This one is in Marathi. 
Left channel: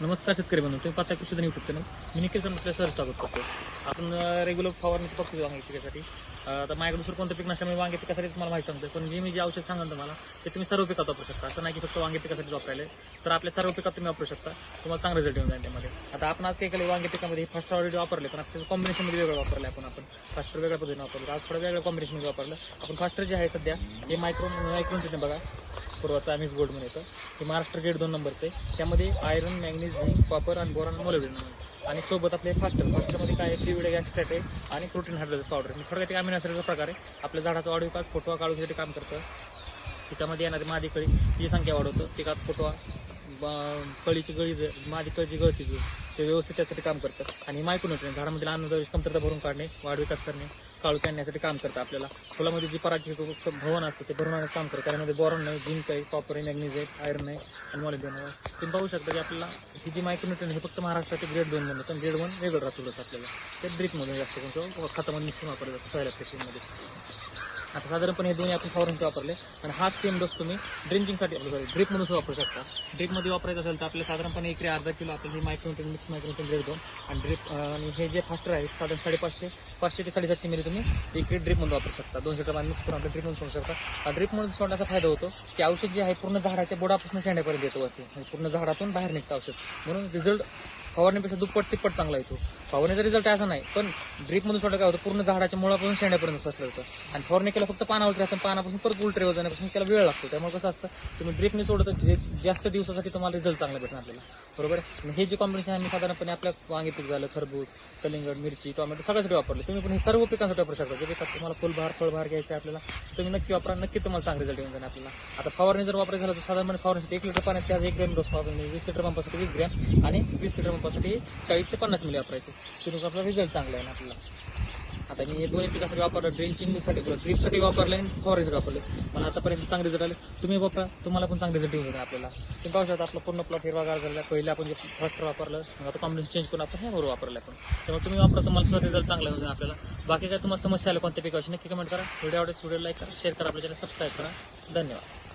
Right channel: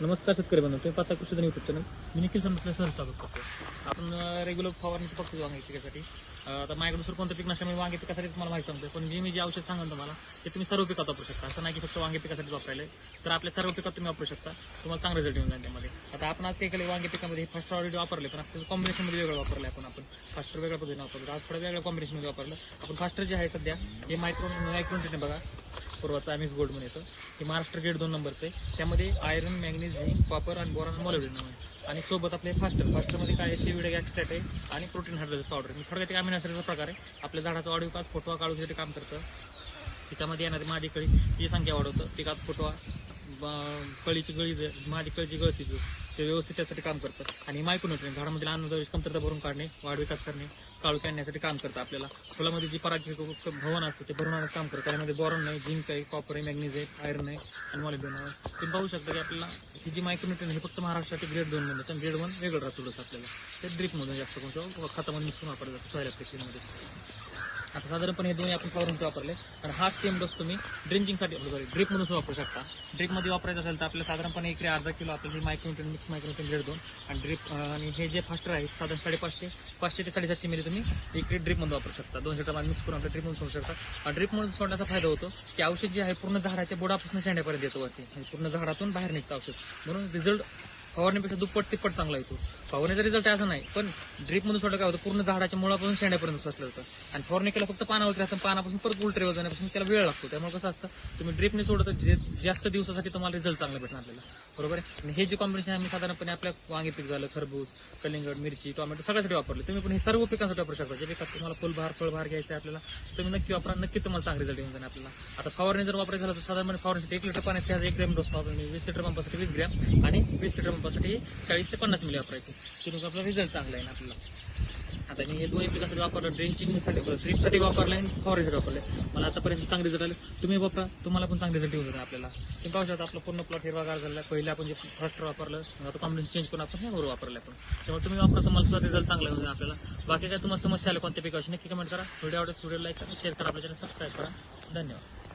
नमस्कार शेतकरी बंधू तुम्ही पाहता कृषी युट्यूब चॅनल मी निखिल सर सर स्वागत करतो आपण रेग्युलर फवारणी बघतो वांगे पिकासाठी. आता माझ्याकडे दुसरं कोणतं पीक नसल्यामुळे वांगे पिकासाठी तुम्हाला माहिती सांगतो पण जे मी जे औषध सांगाल तुम्हाला ते तुम्ही सर्व पिकात वापरू शकता. असं नाही की फक्त वांगे पिकासाठी वापरायले तर आपल्या सर्व पिकात तुम्ही वापरू शकता. तुम्हाला चांगला रिझल्ट येऊन जाईल त्यामध्ये. आता आपण आज काही केलं वांगे पिकामध्ये फर्स्ट ऑलरेडी वापरले पण आता कॉम्बिनेशनमध्ये वेगळं वापरलं आपण आपण. फास्टर वेगळ्या पद्धतीने वापरलं आज थोडं वेगळ्या कॉम्बिनेशनमध्ये वापरलं. आपण फास्टर जे आहे सध्या हे मायक्रोन मायक्रोन तिथे बघा. पूर्वाचा आमिस गोल्ड म्हणून येतं. हे महाराष्ट्र गेट दोन नंबरचं आहे. त्यामध्ये आयरन मॅग्नीज झिंक कॉपर आणि बोरॉन मोलिब्डेनम आहे. आणि सोबत आपले फास्टर फास्टरमध्ये काय सीविड एक्स्ट्रॅक्ट आहे आणि प्रोटीन हायड्रोजन पावडर मी थोडक्यात एक अमिनो प्रकार आहे. आपल्या झाडाचा ऑडिओ विकास फोटो काढूसाठी काम करतं. पिकामध्ये येणारी मादी कळी ती संख्या वाढवतं. पिकात फुटवा कळीची गळी जर मादी कळीची गळती जी, ते व्यवस्थित त्यासाठी काम करतात आणि मायक्रोन्युट्रियन झाडामधील अन्नद्रव्य कमतरता भरून काढणे वाढ विकास करणे काळू आणण्यासाठी काम करतं आपल्याला. फुलामध्ये जी पराठी भवन असतं ते भरून आणण्याचं काम करतं. त्यामध्ये बोरॉन नाही जिंक आहे कॉपर आहे मॅग्नीज आहे आयरन आहे आणि मॉलिब्डेनम आहे. तुम्ही पाहू शकता की आपल्याला ही जी मायक्रोन्युट्रियन हे फक्त महाराष्ट्रातील ग्रेड दोन मध्ये पण ग्रेड वन वेगळं राहतो आपल्याला. ते ड्रिपमधून जास्त करून किंवा खतामध्ये मिसळून वापरलं जातं सॉईल ॲप्लिकेशनमध्ये आता साधारणपणे हे दोन्ही आपण फवारणीसाठी वापरले. आणि हा सेम डोस तुम्ही ड्रिंकिंगसाठी आपलं सॉरी ड्रिपमधून सुद्धा वापरू शकता. ड्रिपमध्ये वापरायचं असेल तर आपल्याला साधारणपणे इकडे अर्धा किलो आपल्याला मायक्रोटेन मिक्स मायक्रोन्युट्रियन ग्रेड दोन आणि ड्रिप आणि हे जे फास्टर आहे साधारण साडेपाचशे पाचशे ते साडेसातशे मिली तुम्ही इकडे ड्रिपमध्ये वापरू शकता. दोनशे टमाट मिक्स करून आपल्या ड्रिपमध्ये सोडू शकता. ड्रिपमध्ये सोडण्याचा फायदा होतो की औषध जे आहे पूर्ण झाडाच्या बोडापासून शेंड्यापर्यंत येतो वरती. म्हणजे पूर्ण झाडातून बाहेर निघतं औषध. म्हणून रिझल्ट फवारणीपेक्षा दुप्पट तिप्पट चांगला येतो. फवारणीचा रिझल्ट असं नाही पण ड्रीपमधून सोडलं काय होतं पूर्ण झाडाच्या मुळापासून शेंड्यापर्यंत सोसलं होतं आणि फवारणी केला फक्त पानावरती असतं पानापासून परत उलटे जाण्यापासून त्याला वेळ लागतो. त्यामुळे कसं असतं तुम्ही ड्रीपने सोडत जे जास्त दिवसासाठी तुम्हाला रिझल्ट चांगला भेटणार आपल्याला. बरोबर आहे? आणि हे जे कॉम्बिनेशन आहे साधारणपणे आपल्या वांगी पीक झालं खरबूज कलिंगड मिरची टोमॅटो सगळ्यासाठी वापरले. तुम्ही पण हे सर्व पिकांसाठी वापरू शकता. जे पिकात तुम्हाला फुलभार फळभार घ्यायचे आपल्याला तुम्ही नक्की वापरा नक्की तुम्हाला चांगला रिझल्ट येऊन जाणार आपल्याला. आता फवारणी जर वापरायचं झालं तर साधारण फवारणीसाठी एक लिटर पाण्यासाठी एक ग्रॅम डोस वापरणे वीस लिटर पंपासाठी वीस ग्रॅम आणि वीस लिटर पंप पंपासाठी चाळीस ते पन्नास मिली वापरायचे. तिथून आपला रिझल्ट चांगला आहे ना आपल्याला आता मी हे दोन्ही पिकासाठी वापरलं ड्रिंचिंगसाठी ड्रिपसाठी वापरले आणि फवारणीसाठी वापरले. मला आतापर्यंत चांगले रिझल्ट आले. तुम्ही वापरा तुम्हाला पण चांगले रिझल्ट येऊ जाणार आपल्याला. तुम्ही पाहू शकता आपला पूर्ण प्लॉट हिरवागार झाला पहिले आपण जे फर्स्ट वापरलं आता कॉम्बिनेशन चेंज करून आपण हे बरोबर वापरलं आपण. त्यामुळे तुम्ही वापरा तुम्हाला सुद्धा रिझल्ट चांगला येऊन आपल्याला. बाकी काय तुम्हाला समस्या आल्या कोणत्या पिकाची नक्की कमेंट करा. व्हिडिओ आवडेल व्हिडिओ लाईक करा शेअर करा आपल्या चॅनल सबस्क्राईब करा. धन्यवाद.